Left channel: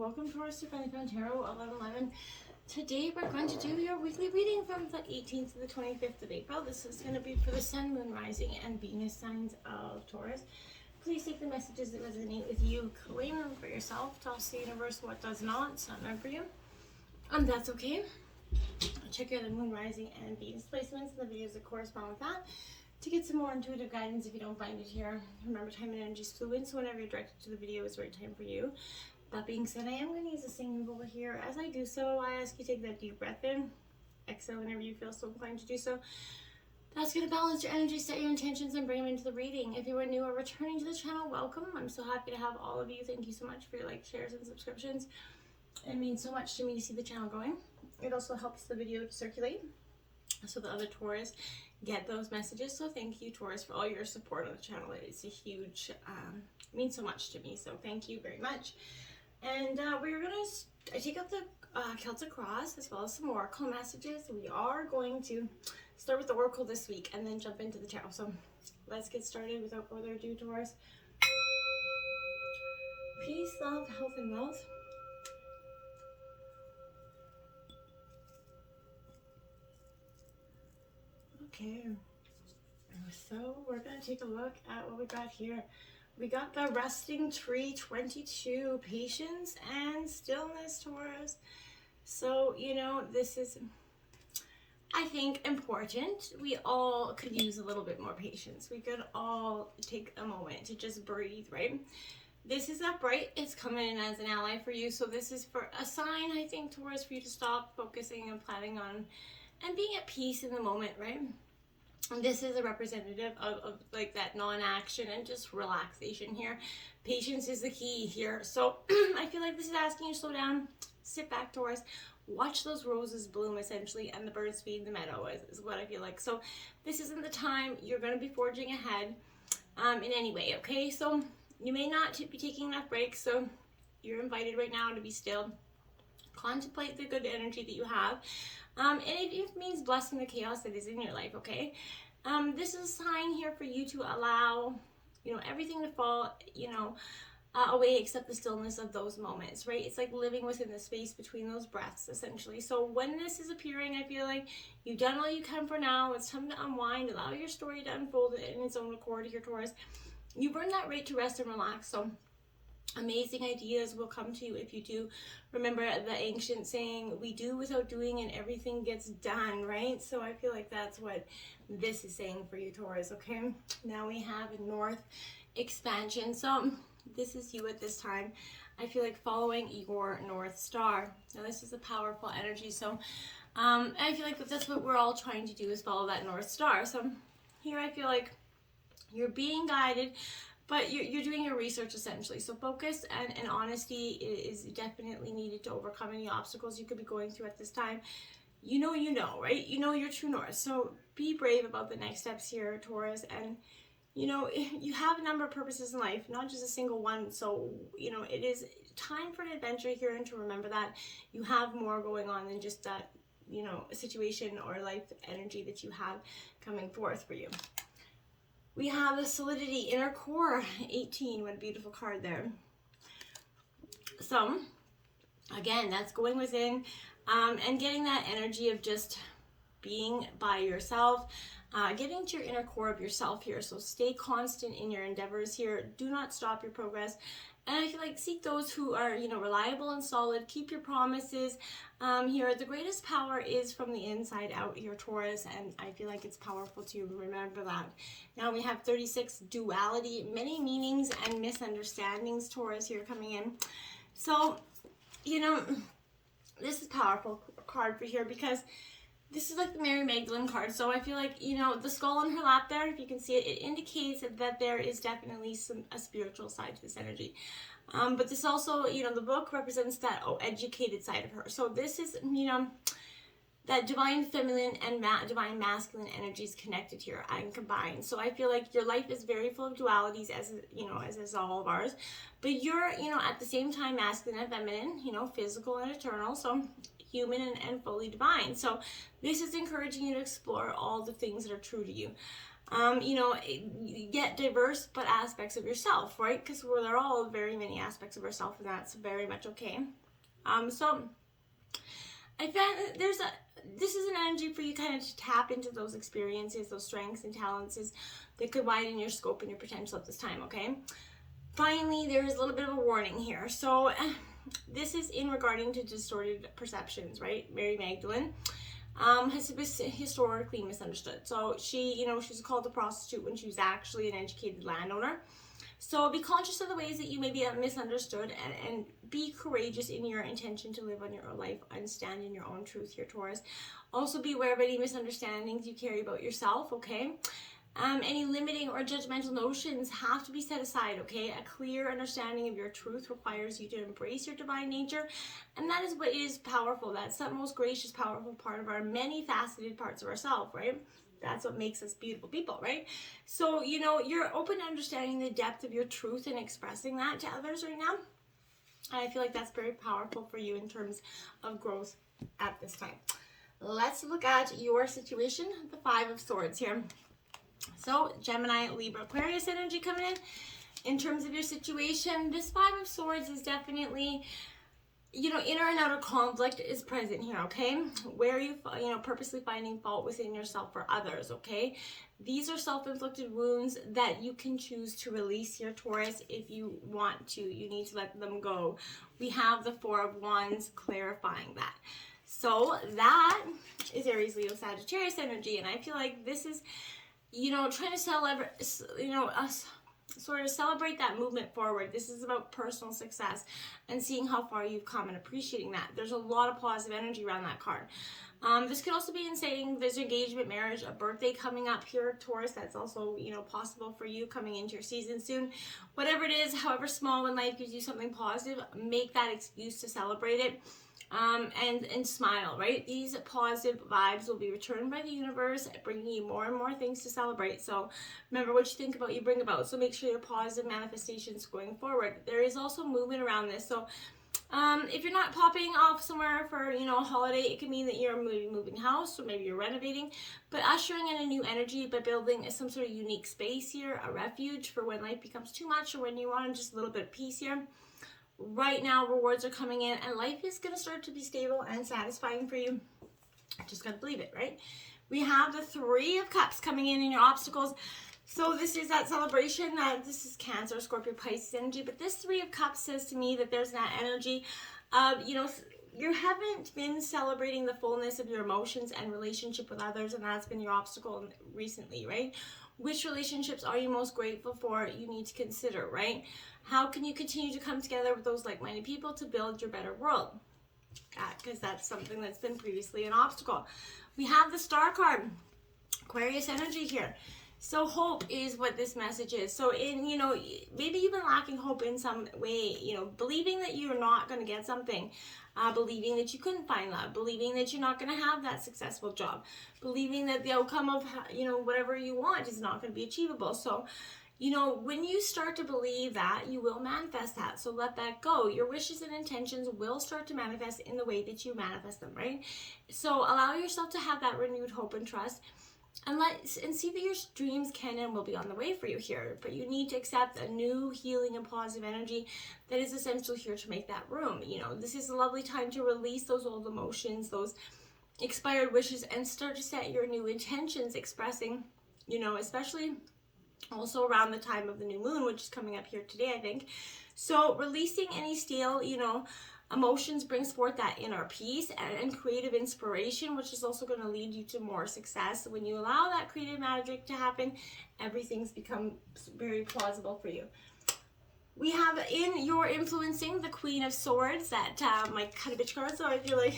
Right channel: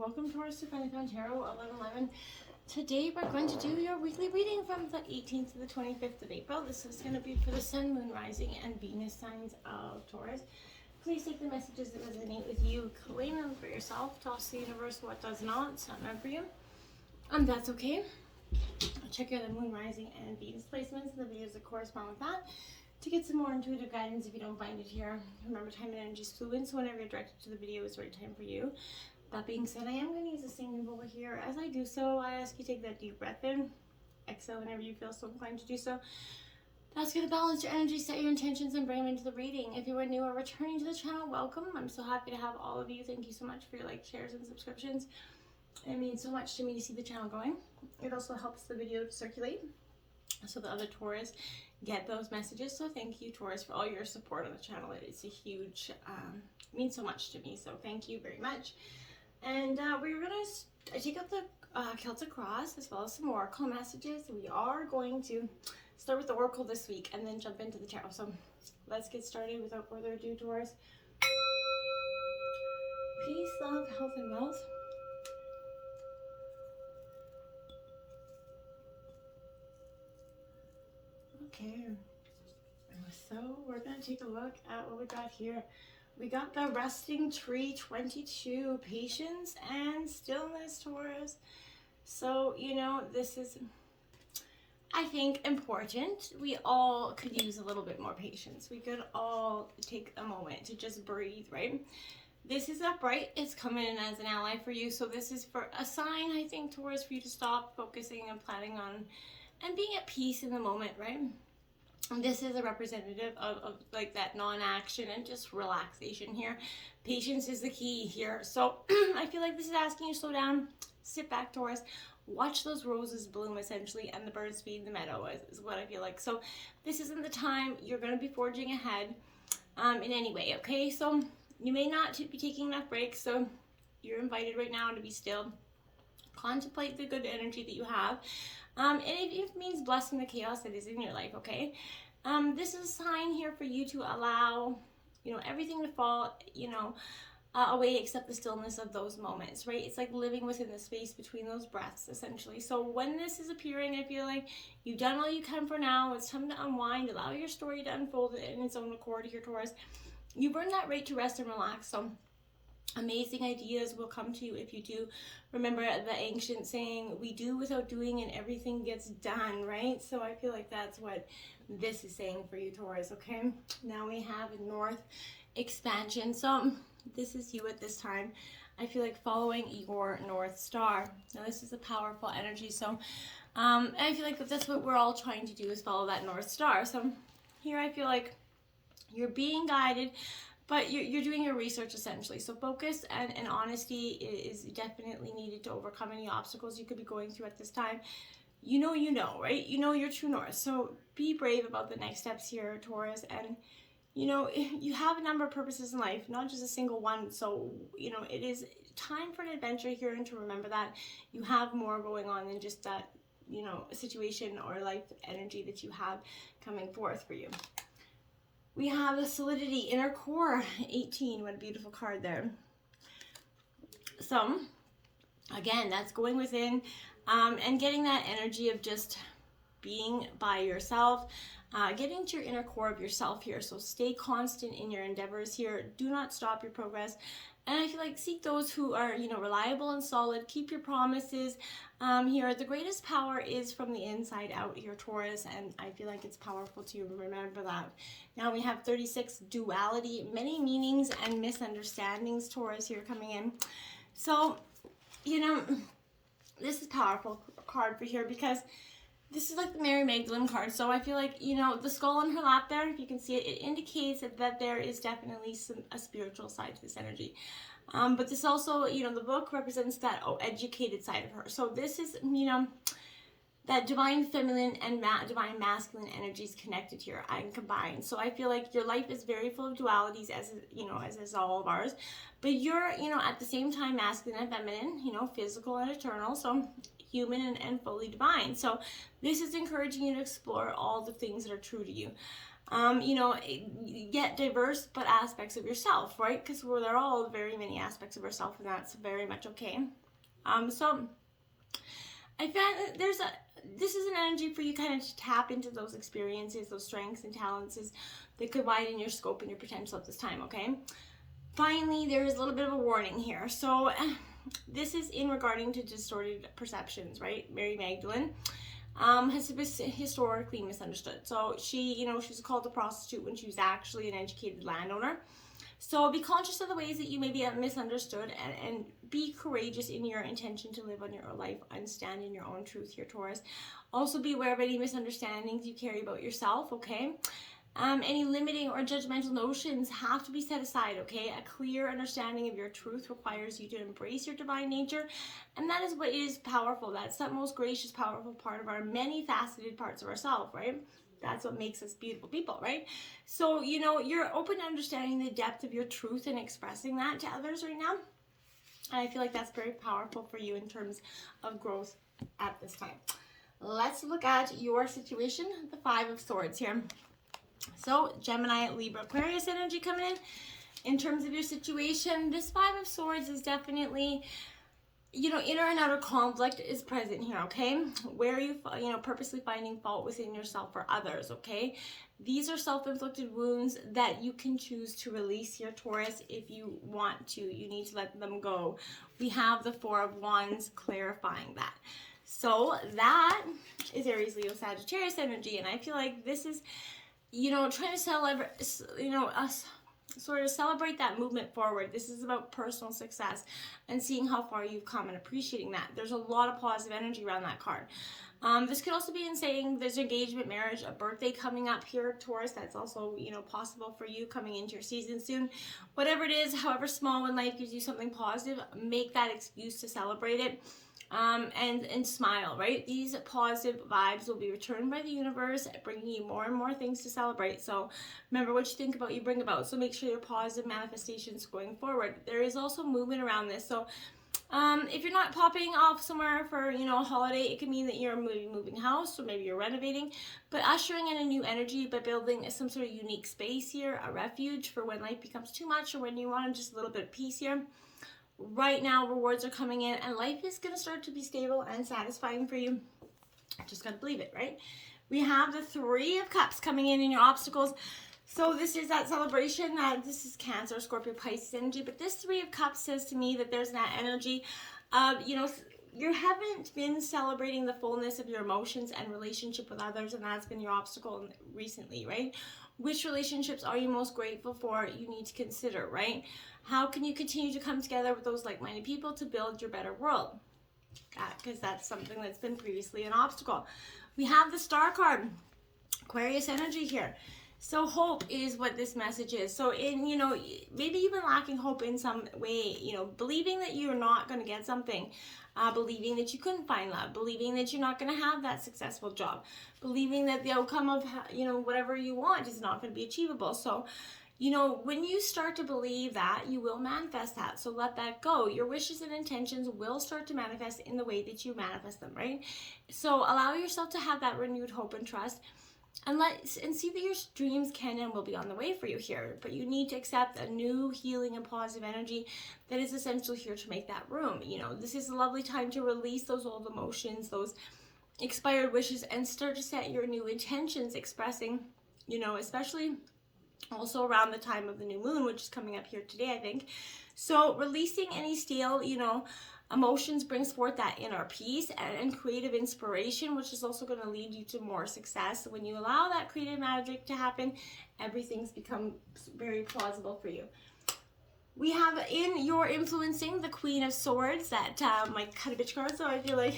Welcome Taurus to Tarot 1111. Today we're going to do your weekly reading from the 18th to the 25th of April. This is going to be for the Sun, Moon, Rising, and Venus signs of Taurus. Please take the messages that resonate with you, claim them for yourself, toss the universe what does not, it's not for you. And that's okay. Check out the Moon, Rising, and Venus placements in the videos that correspond with that to get some more intuitive guidance if you don't find it here. Remember, time and energy is fluid, so whenever you're directed to the video is the right time for you. That being said, I am going to use the same over here. As I do so, I ask you to take that deep breath in. Exhale whenever you feel so inclined to do so. That's going to balance your energy, set your intentions, and bring them into the reading. If you are new or returning to the channel, welcome. I'm so happy to have all of you. Thank you so much for your likes, shares, and subscriptions. It means so much to me to see the channel growing. It also helps the video to circulate so the other Taurus get those messages. So thank you, Taurus, for all your support on the channel. It's a huge, means so much to me. So thank you very much. And we're going to take out the Celtic Cross as well as some Oracle messages. We are going to start with the Oracle this week and then jump into the Tarot. So let's get started without further ado, Taurus. Peace, love, health, and wealth. Okay, so we're going to take a look at what we got here. We got the Resting Tree 22, patience and stillness, Taurus. So, you know, this is, I think, important. We all could use a little bit more patience. We could all take a moment to just breathe, right? This is upright. It's coming in as an ally for you. So this is for a sign, I think, Taurus, for you to stop focusing and planning on and being at peace in the moment, right? And this is a representative of like that non-action and just relaxation here. Patience is the key here. So I feel like this is asking you to slow down, sit back, Taurus, watch those roses bloom essentially, and the birds feed the meadow is what I feel like. So this isn't the time you're going to be forging ahead in any way, okay? So you may not be taking enough breaks, so you're invited right now to be still. Contemplate the good energy that you have. And it means blessing the chaos that is in your life, okay? This is a sign here for you to allow, you know, everything to fall, you know, away except the stillness of those moments, right? It's like living within the space between those breaths, essentially. So when this is appearing, I feel like you've done what you can for now. It's time to unwind, allow your story to unfold in its own accord here, Taurus. You've earned that right to rest and relax, so amazing ideas will come to you if you do. Remember the ancient saying, we do without doing and everything gets done, right? So I feel like that's what this is saying for you, Taurus, okay? Now we have North expansion. So this is you at this time. I feel like following your North Star. Now this is a powerful energy. So I feel like that's what we're all trying to do, is follow that North Star. So here I feel like you're being guided, but you're doing your research essentially. So focus and honesty is definitely needed to overcome any obstacles you could be going through at this time. You know, right? You know your true north. So be brave about the next steps here, Taurus. And, you know, you have a number of purposes in life, not just a single one. So, you know, it is time for an adventure here, and to remember that you have more going on than just that, you know, situation or life energy that you have coming forth for you. We have the Solidity, Inner Core, 18. What a beautiful card there. So, again, that's going within and getting that energy of just being by yourself, getting to your inner core of yourself here. So stay constant in your endeavors here. Do not stop your progress. And I feel like seek those who are, you know, reliable and solid. Keep your promises here. The greatest power is from the inside out here, Taurus. And I feel like it's powerful to remember that. Now we have 36, duality, many meanings and misunderstandings, Taurus, here coming in. So, you know, this is a powerful card for here because this is like the Mary Magdalene card. So I feel like, you know, the skull on her lap there, if you can see it, it indicates that there is definitely a spiritual side to this energy. But this also, you know, the book represents that educated side of her. So this is, you know, that divine feminine and divine masculine energies connected here and combined. So I feel like your life is very full of dualities, as you know, as is all of ours. But you're, you know, at the same time masculine and feminine, you know, physical and eternal. So human and fully divine. So this is encouraging you to explore all the things that are true to you. yet diverse but aspects of yourself, right? Because they're all very many aspects of ourselves, and that's very much okay. So I found this is an energy for you kind of to tap into those experiences, those strengths and talents that could widen your scope and your potential at this time, okay? Finally, there is a little bit of a warning here. So this is in regarding to distorted perceptions, right? Mary Magdalene has been historically misunderstood. So she was called a prostitute when she was actually an educated landowner. So be conscious of the ways that you may be misunderstood, and be courageous in your intention to live on your own life, understand in your own truth here, Taurus. Also be aware of any misunderstandings you carry about yourself, okay? Any limiting or judgmental notions have to be set aside, okay? A clear understanding of your truth requires you to embrace your divine nature, and that is what is powerful. That's the most gracious, powerful part of our many faceted parts of ourselves, right? That's what makes us beautiful people, right? So, you're open to understanding the depth of your truth and expressing that to others right now. And I feel like that's very powerful for you in terms of growth at this time. Let's look at your situation, the Five of Swords here. So, Gemini, Libra, Aquarius energy coming in. In terms of your situation, this Five of Swords is definitely, inner and outer conflict is present here, okay? Where you purposely finding fault within yourself or others, okay? These are self-inflicted wounds that you can choose to release here, Taurus, if you want to. You need to let them go. We have the Four of Wands clarifying that. So that is Aries, Leo, Sagittarius energy, and I feel like this is, trying to celebrate, sort of celebrate that movement forward. This is about personal success and seeing how far you've come and appreciating that. There's a lot of positive energy around that card. This could also be in saying there's engagement, marriage, a birthday coming up here, Taurus. That's also, possible for you coming into your season soon. Whatever it is, however small, when life gives you something positive, make that excuse to celebrate it. And smile, right? These positive vibes will be returned by the universe, bringing you more and more things to celebrate. So remember, what you think about, you bring about. So make sure your positive manifestations going forward. There is also movement around this. So if you're not popping off somewhere for, a holiday, it can mean that you're moving house, or maybe you're renovating, but ushering in a new energy by building some sort of unique space here, a refuge for when life becomes too much or when you want just a little bit of peace here. Right now, rewards are coming in, and life is going to start to be stable and satisfying for you. I just got to believe it, right? We have the Three of Cups coming in your obstacles. So this is that celebration. This is Cancer, Scorpio, Pisces energy. But this Three of Cups says to me that there's that energy of, you haven't been celebrating the fullness of your emotions and relationship with others, and that's been your obstacle recently, right? Which relationships are you most grateful for? You need to consider, right? How can you continue to come together with those like-minded people to build your better world? Because that's something that's been previously an obstacle. We have the Star card, Aquarius energy here. So hope is what this message is. So maybe you've been lacking hope in some way, believing that you're not going to get something, believing that you couldn't find love, believing that you're not going to have that successful job, believing that the outcome of, whatever you want is not going to be achievable. So, when you start to believe that, you will manifest that. So let that go. Your wishes and intentions will start to manifest in the way that you manifest them, right? So allow yourself to have that renewed hope and trust, and see that your dreams can and will be on the way for you here. But you need to accept a new healing and positive energy that is essential here to make that room. This is a lovely time to release those old emotions, those expired wishes, and start to set your new intentions, expressing, especially also around the time of the new moon, which is coming up here today, I think. So releasing any stale, emotions brings forth that inner peace and creative inspiration, which is also going to lead you to more success. When you allow that creative magic to happen, everything's become very plausible for you. We have in your influencing the Queen of Swords, that my cut a bitch card, so I feel like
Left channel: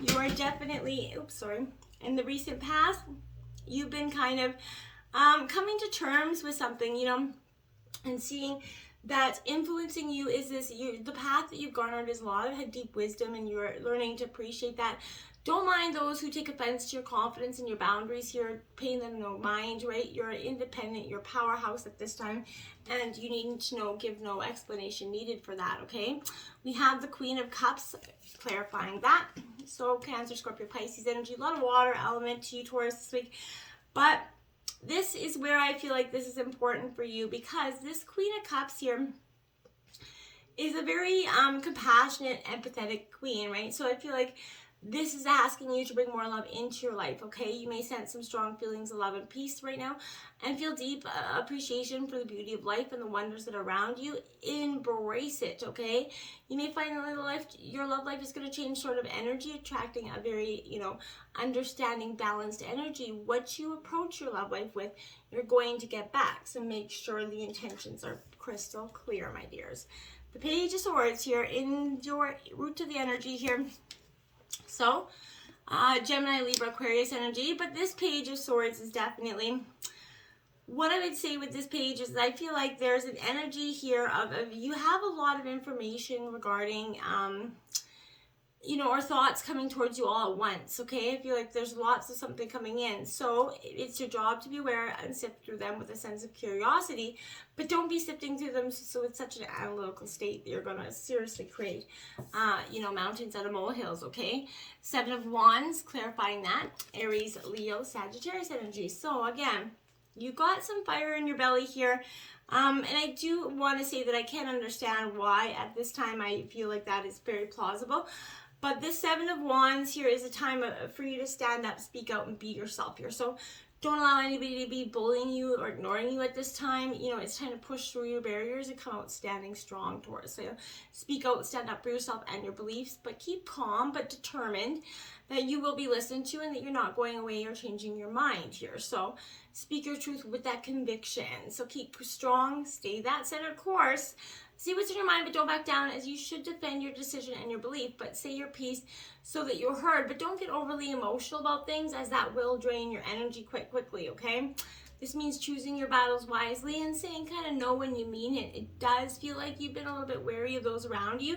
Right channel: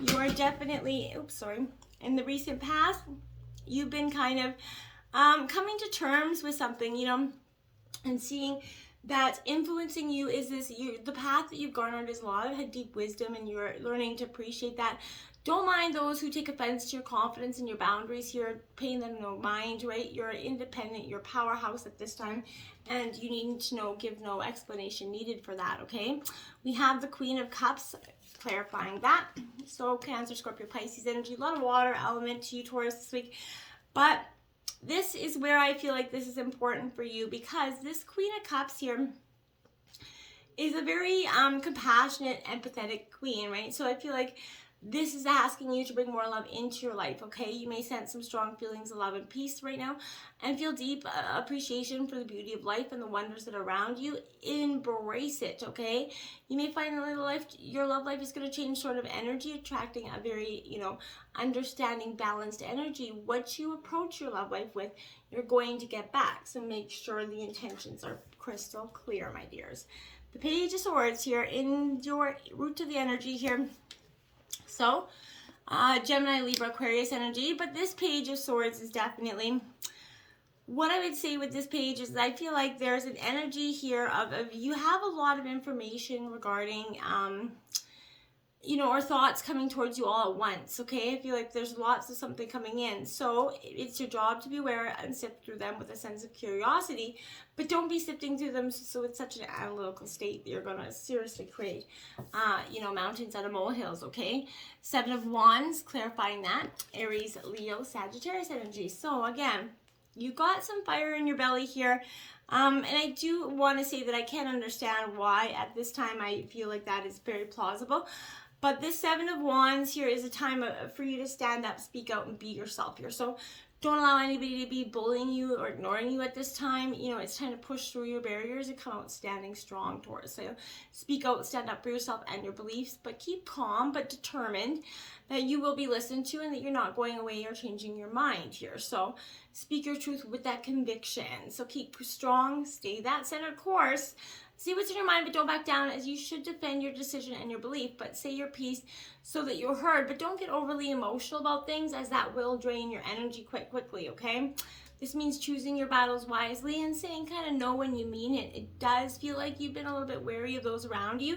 you are definitely, in the recent past, you've been kind of coming to terms with something, and seeing that influencing you is the path that you've garnered is a lot of deep wisdom, and you're learning to appreciate that. Don't mind those who take offense to your confidence and your boundaries here, paying them no mind, right? You're independent, you're a powerhouse at this time, and you need to give no explanation needed for that, okay? We have the Queen of Cups, clarifying that. So Cancer, Scorpio, Pisces energy, a lot of water element to you, Taurus, this week. But this is where I feel like this is important for you, because this Queen of Cups here is a very compassionate, empathetic queen, right? So I feel like this is asking you to bring more love into your life, okay? You may sense some strong feelings of love and peace right now, and feel deep appreciation for the beauty of life and the wonders that are around you. Embrace it, okay? You may find that your love life is going to change sort of energy, attracting a very, understanding, balanced energy. What you approach your love life with, you're going to get back. So make sure the intentions are crystal clear, my dears. The Page of Swords here in your root to the energy here. So, Gemini, Libra, Aquarius energy. But this Page of Swords is definitely, what I would say with this page is I feel like there's an energy here of you have a lot of information regarding, or thoughts coming towards you all at once, okay? I feel like there's lots of something coming in. So it's your job to be aware and sift through them with a sense of curiosity, but don't be sifting through them so it's such an analytical state that you're going to seriously create, mountains out of molehills, okay? Seven of Wands, clarifying that. Aries, Leo, Sagittarius energy. So again, you got some fire in your belly here. And I do want to say that I can't understand why at this time I feel like that is very plausible. But this Seven of Wands here is a time for you to stand up, speak out, and be yourself here. So don't allow anybody to be bullying you or ignoring you at this time. It's time to push through your barriers and come out standing strong towards. So speak out, stand up for yourself and your beliefs, but keep calm, but determined that you will be listened to and that you're not going away or changing your mind here. So speak your truth with that conviction. So keep strong, stay that centered course. See what's in your mind, but don't back down, as you should defend your decision and your belief, but say your piece so that you're heard. But don't get overly emotional about things, as that will drain your energy quite quickly, okay? This means choosing your battles wisely and saying kind of no when you mean it. It does feel like you've been a little bit wary of those around you.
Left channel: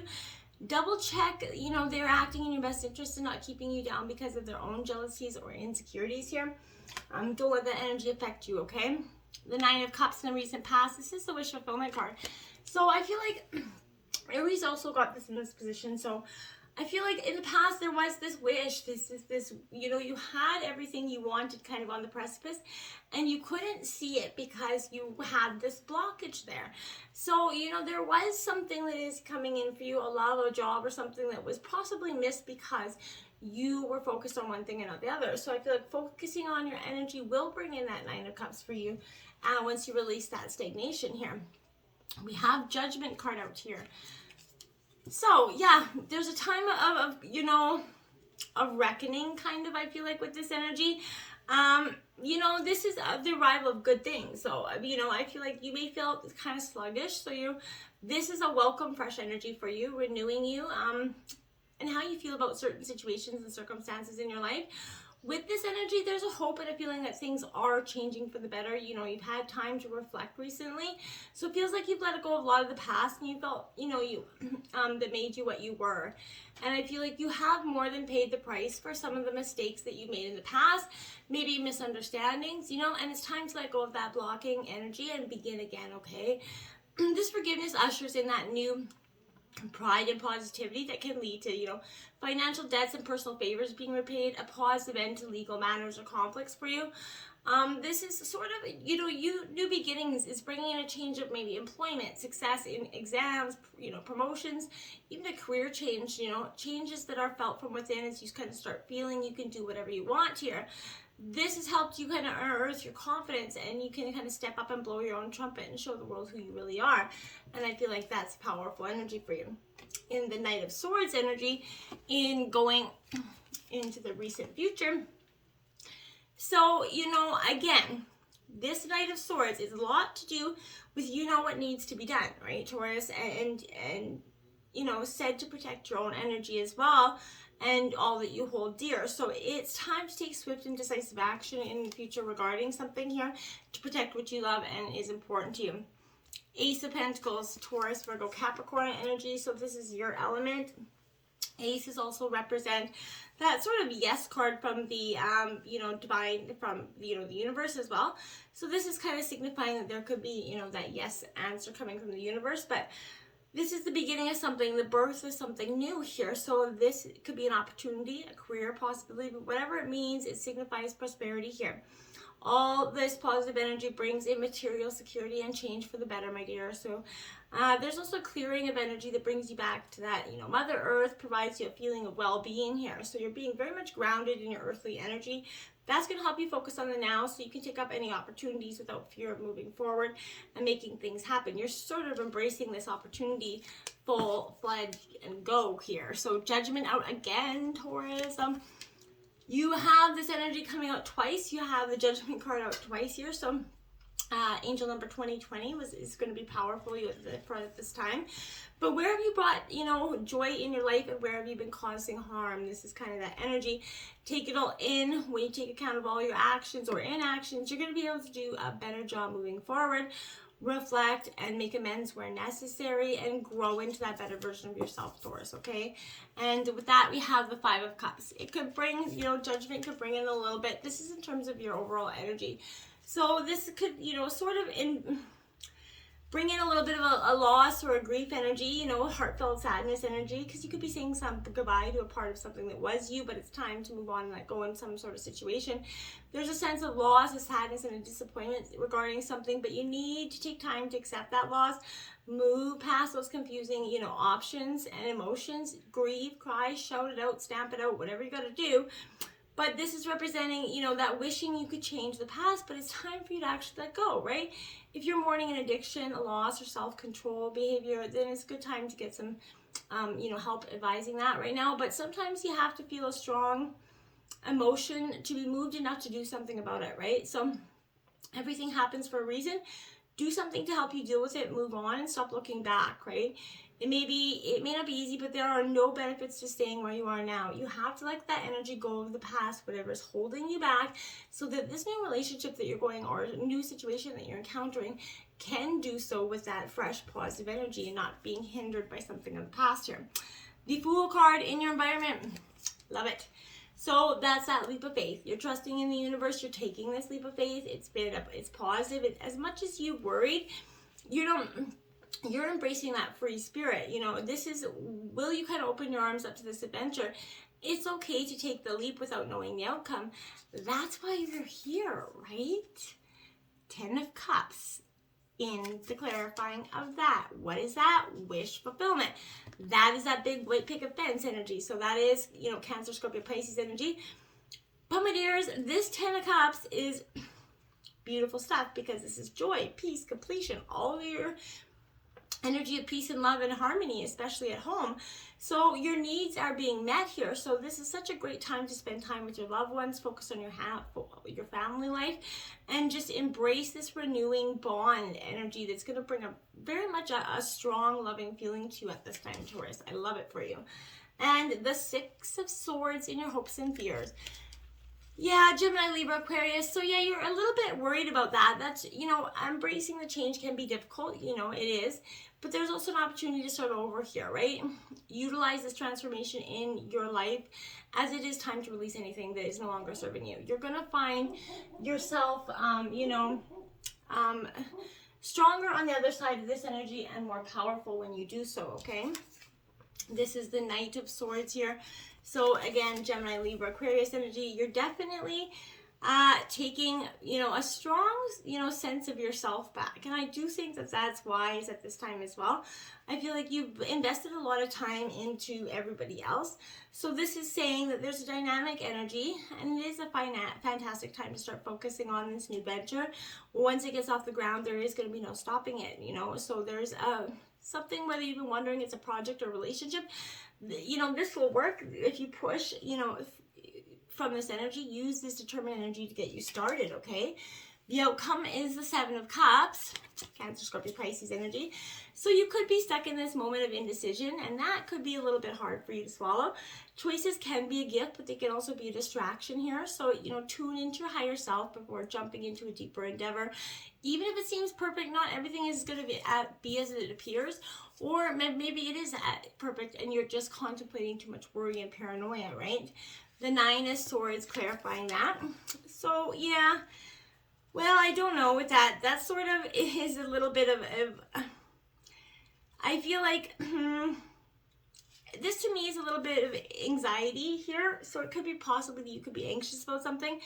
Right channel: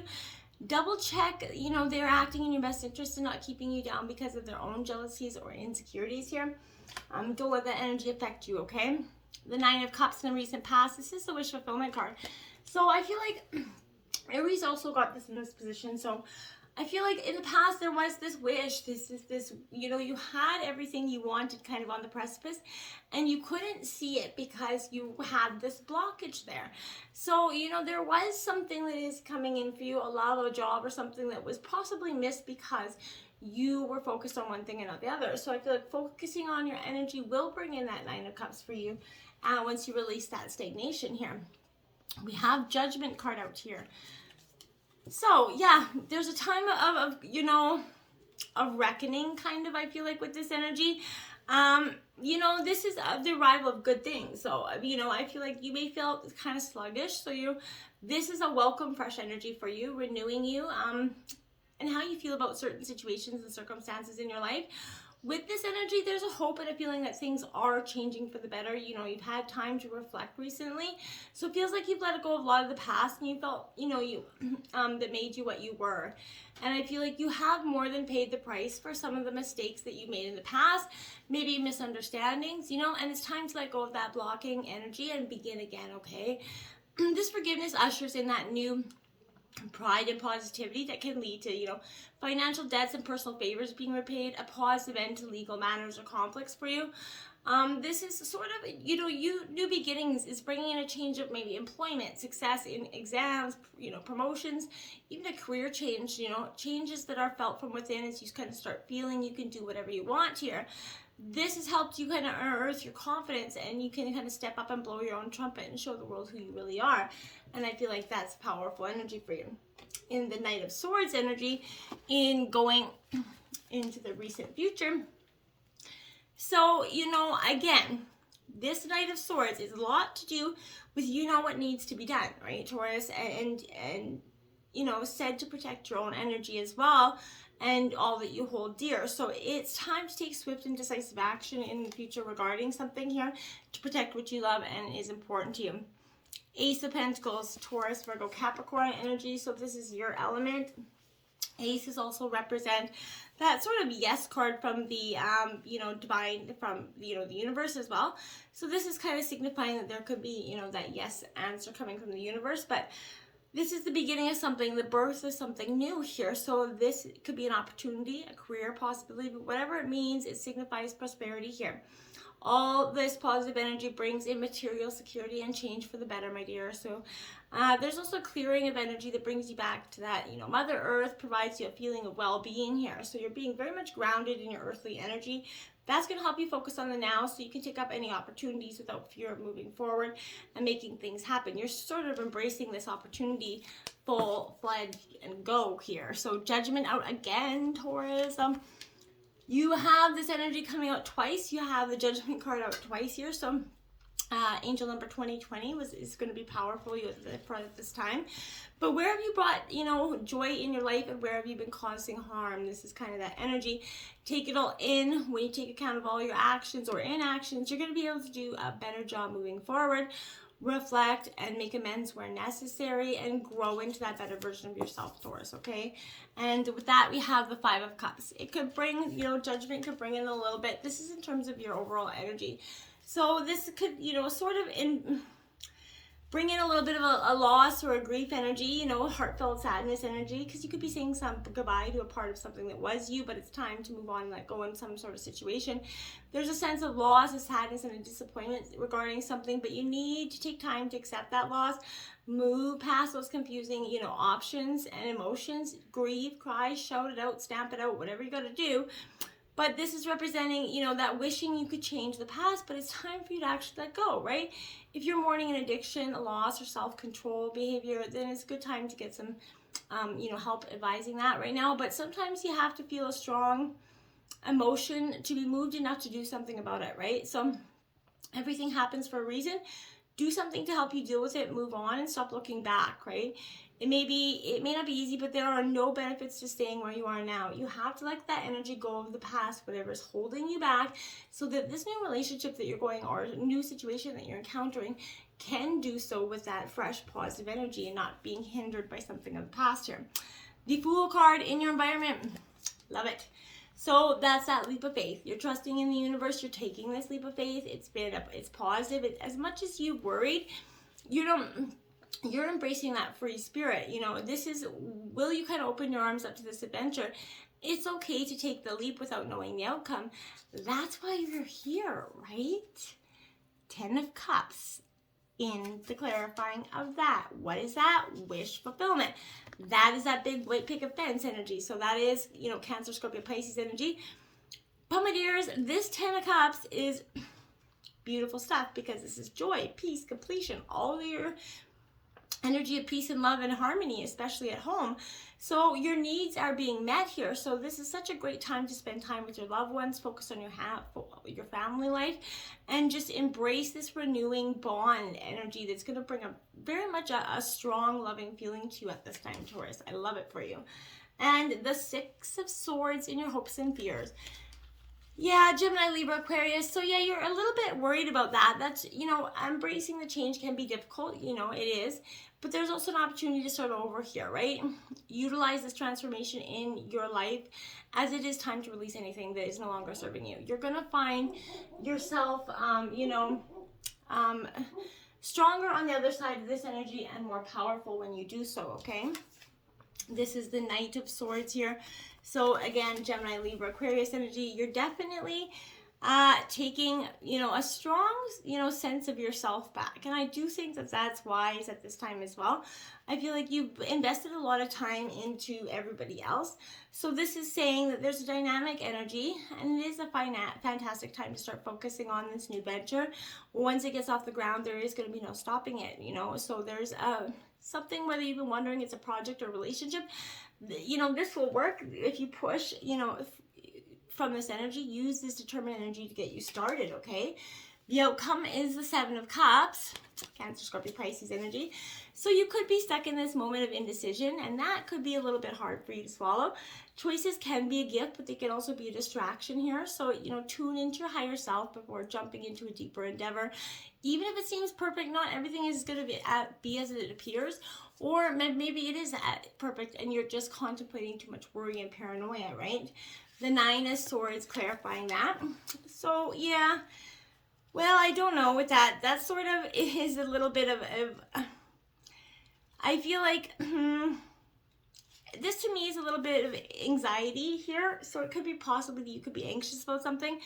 Double check, they're acting in your best interest and not keeping you down because of their own jealousies or insecurities here. Don't let that energy affect you, okay? The Nine of Cups in the recent past. This is the wish fulfillment card. So I feel like Aries also got this in this position. So I feel like in the past there was this wish, you had everything you wanted kind of on the precipice, and you couldn't see it because you had this blockage there. So, there was something that is coming in for you, a love, a job, or something that was possibly missed because you were focused on one thing and not the other. So I feel like focusing on your energy will bring in that Nine of Cups for you once you release that stagnation here. We have Judgment card out here. So yeah, there's a time of reckoning kind of, I feel like, with this energy. This is the arrival of good things. So, I feel like you may feel kind of sluggish. So this is a welcome, fresh energy for you, renewing you, and how you feel about certain situations and circumstances in your life. With this energy, there's a hope and a feeling that things are changing for the better. You've had time to reflect recently. So it feels like you've let go of a lot of the past, and you felt, that made you what you were. And I feel like you have more than paid the price for some of the mistakes that you made in the past, maybe misunderstandings, and it's time to let go of that blocking energy and begin again, okay? This forgiveness ushers in that new pride and positivity that can lead to, financial debts and personal favors being repaid, a positive end to legal matters or conflicts for you. This is sort of, new beginnings is bringing in a change of maybe employment, success in exams, promotions, even a career change, changes that are felt from within as you kind of start feeling you can do whatever you want here. This has helped you kind of unearth your confidence, and you can kind of step up and blow your own trumpet and show the world who you really are. And I feel like that's powerful energy for you. In the Knight of Swords energy, in going into the recent future. So, again, this Knight of Swords is a lot to do with what needs to be done, right, Taurus? And said to protect your own energy as well, and all that you hold dear. So it's time to take swift and decisive action in the future regarding something here to protect what you love and is important to you. Ace of Pentacles, Taurus, Virgo, Capricorn energy. So this is your element. Aces also represent that sort of yes card from the, divine, from, the universe as well. So this is kind of signifying that there could be, that yes answer coming from the universe, but this is the beginning of something, the birth of something new here. So this could be an opportunity, a career possibility, but whatever it means, it signifies prosperity here. all this positive energy brings in material security and change for the better, my dear. So there's also a clearing of energy that brings you back to that, Mother Earth provides you a feeling of well-being here. So you're being very much grounded in your earthly energy. That's going to help you focus on the now so you can take up any opportunities without fear of moving forward and making things happen. You're sort of embracing this opportunity full-fledged and go here. So Judgment out again, Taurus. You have this energy coming out twice. You have the Judgment card out twice here. So angel number 2020 is going to be powerful for this time. But where have you brought, joy in your life, and where have you been causing harm? This is kind of that energy. Take it all in. When you take account of all your actions or inactions, you're going to be able to do a better job moving forward. Reflect and make amends where necessary and grow into that better version of yourself, Taurus, okay? And with that, we have the Five of Cups. It could bring, Judgment could bring in a little bit. This is in terms of your overall energy. So this could, sort of bring in a little bit of a loss or a grief energy, heartfelt sadness energy, because you could be saying some goodbye to a part of something that was you, but it's time to move on and let go in some sort of situation. There's a sense of loss, a sadness, and a disappointment regarding something, but you need to take time to accept that loss, move past those confusing, options and emotions, grieve, cry, shout it out, stamp it out, whatever you got to do. But this is representing, that wishing you could change the past, but it's time for you to actually let go, right? If you're mourning an addiction, a loss, or self-control behavior, then it's a good time to get some, help advising that right now. But sometimes you have to feel a strong emotion to be moved enough to do something about it, right? So everything happens for a reason. Do something to help you deal with it, move on, and stop looking back, right? It may not be easy, but there are no benefits to staying where you are now. You have to let that energy go of the past, whatever's holding you back, so that this new relationship that you're going, or new situation that you're encountering, can do so with that fresh, positive energy and not being hindered by something of the past here. The Fool card in your environment. Love it. So that's that leap of faith. You're trusting in the universe. You're taking this leap of faith. It's positive. As much as you worried, you're embracing that free spirit. This is, will you kind of open your arms up to this adventure? It's okay to take the leap without knowing the outcome. That's why you're here, right? 10 of Cups in the clarifying of that. What is that? Wish fulfillment. That is that big white picket fence energy. So that is, Cancer, Scorpio, Pisces energy. But my dears, this 10 of Cups is beautiful stuff, because this is joy, peace, completion, all of your energy of peace and love and harmony, especially at home. So your needs are being met here. So this is such a great time to spend time with your loved ones, focus on your family life, and just embrace this renewing bond energy that's going to bring very much a strong, loving feeling to you at this time, Taurus. I love it for you. And the Six of Swords in your hopes and fears. Yeah, Gemini, Libra, Aquarius. So yeah, you're a little bit worried about that. That's, embracing the change can be difficult. It is. But there's also an opportunity to start over here, right? Utilize this transformation in your life, as it is time to release anything that is no longer serving you. You're going to find yourself, stronger on the other side of this energy and more powerful when you do so, okay? This is the Knight of Swords here. So again, Gemini, Libra, Aquarius energy, you're definitely taking, a strong, sense of yourself back. And I do think that that's wise at this time as well. I feel like you've invested a lot of time into everybody else. So this is saying that there's a dynamic energy, and it is a fantastic time to start focusing on this new venture. Once it gets off the ground, there is going to be no stopping it, So there's something, whether you've been wondering it's a project or relationship, this will work if you push, from this energy. Use this determined energy to get you started, okay? The outcome is the Seven of Cups, Cancer, Scorpio, Pisces energy. So you could be stuck in this moment of indecision, and that could be a little bit hard for you to swallow. Choices can be a gift, but they can also be a distraction here. So, tune into your higher self before jumping into a deeper endeavor. Even if it seems perfect, not everything is going to be as it appears. Or maybe it is perfect and you're just contemplating too much worry and paranoia, right? The Nine of Swords, clarifying that. So, yeah. Well, I don't know with that. That sort of is a little bit of I feel like this to me is a little bit of anxiety here. So it could be possibly that you could be anxious about something.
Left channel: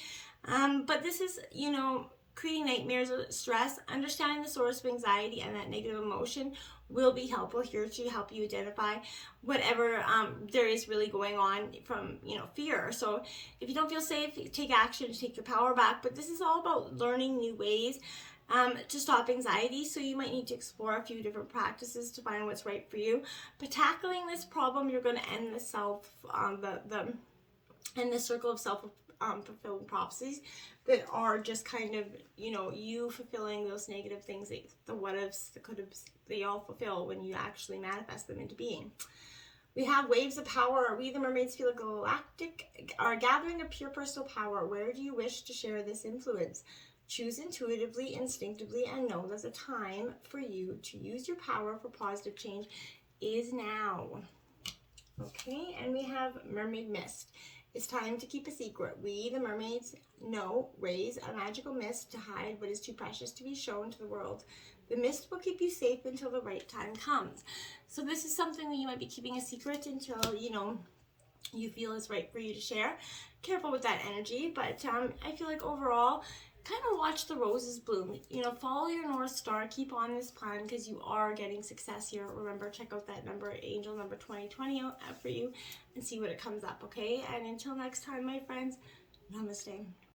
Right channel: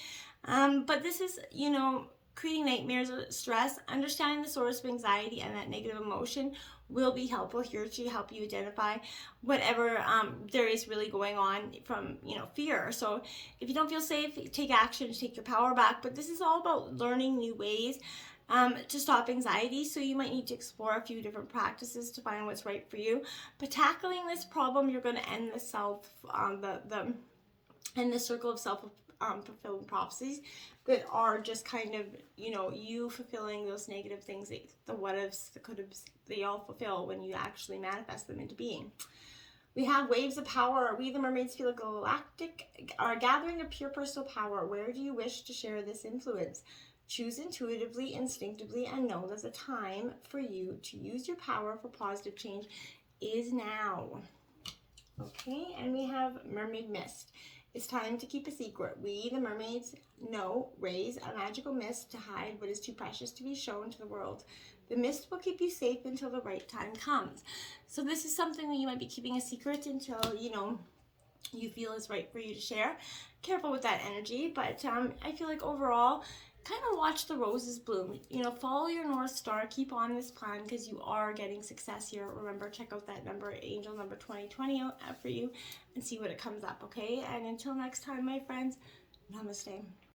But this is, you know, creating nightmares or stress. Understanding the source of anxiety and that negative emotion will be helpful here to help you identify whatever there is really going on from, you know, fear. So if you don't feel safe, take action to take your power back. But this is all about learning new ways to stop anxiety. So you might need to explore a few different practices to find what's right for you. But tackling this problem, you're going to end the the circle of self fulfilling prophecies that are just kind of, you know, you fulfilling those negative things, the what ifs, the could haves, they all fulfill when you actually manifest them into being. We have waves of power. We, the mermaids, feel galactic, are gathering a pure personal power. Where do you wish to share this influence? Choose intuitively, instinctively, and know that the time for you to use your power for positive change is now. Okay, and we have Mermaid Mist. It's time to keep a secret. We, the mermaids, raise a magical mist to hide what is too precious to be shown to the world. The mist will keep you safe until the right time comes. So this is something that you might be keeping a secret until, you know, you feel is right for you to share. Careful with that energy, but I feel like overall, kind of watch the roses bloom. You know, follow your North Star. Keep on this plan because you are getting success here. Remember, check out that number, angel number 2020 out for you and see what it comes up, okay? And until next time, my friends, namaste.